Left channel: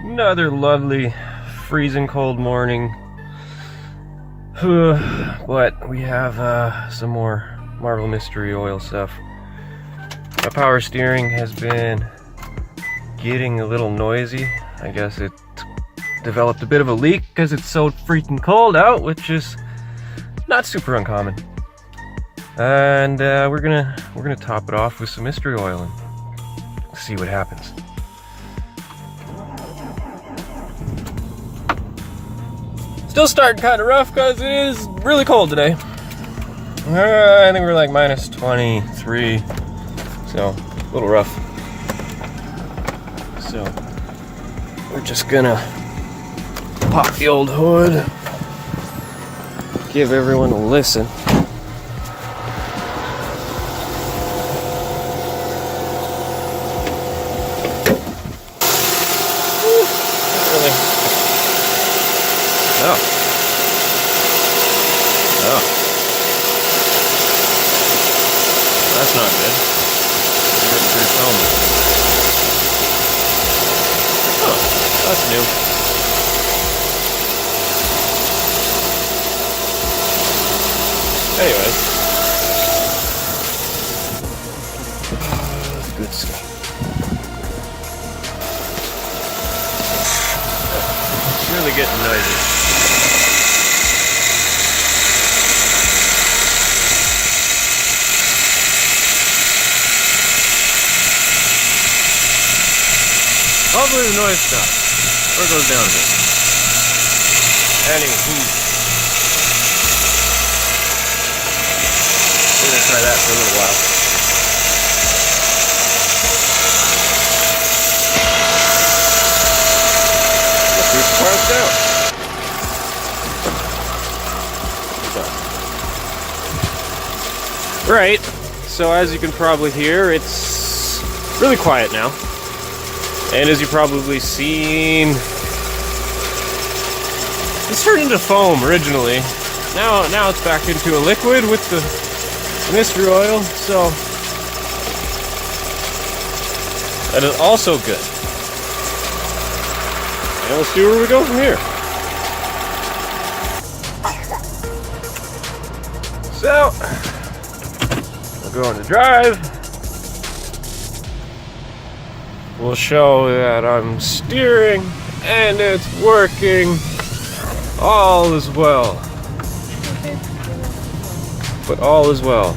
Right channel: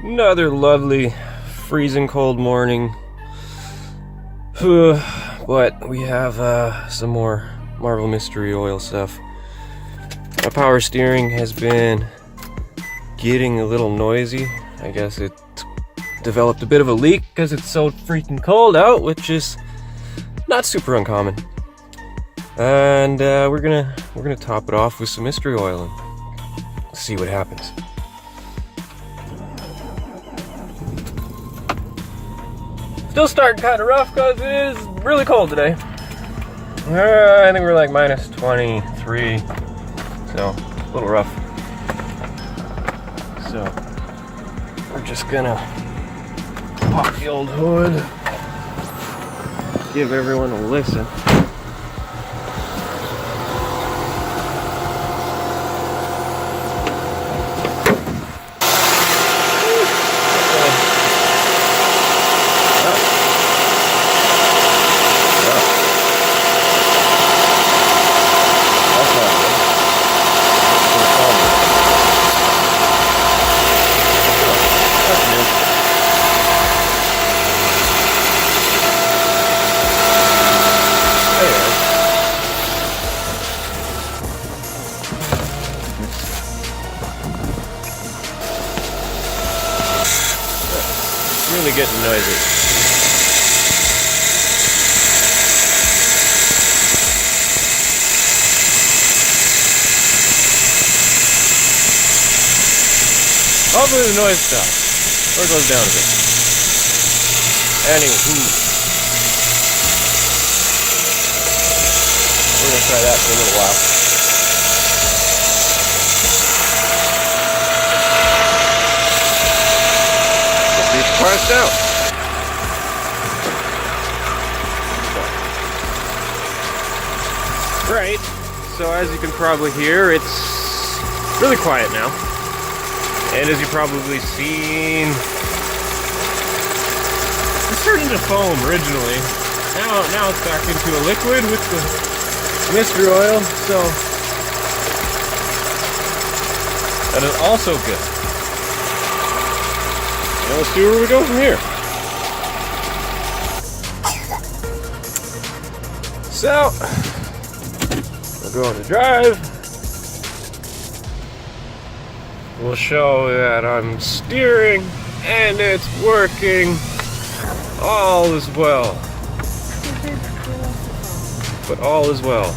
Another lovely, freezing cold morning. But we have some more Marvel Mystery Oil stuff. My power steering has been getting a little noisy. I guess it developed a bit of a leak because it's so freaking cold out, which is not super uncommon. And we're gonna top it off with some mystery oil and see what happens. Still starting kind of rough because it is really cold today. I think we're like minus 23, so a little rough. So we're just gonna pop the old hood, give everyone a listen. Really getting noisy. Hopefully the noise stops or goes down a bit. Anywho, we're gonna try that for a little while. Parsed out. Right, so as you can probably hear, it's really quiet now. And as you probably seen, this turned into foam originally. Now it's back into a liquid with the mystery oil, so that is also good. And let's see where we go from here. So, we'll go on the drive. We'll show that I'm steering and it's working. All is well. But all is well.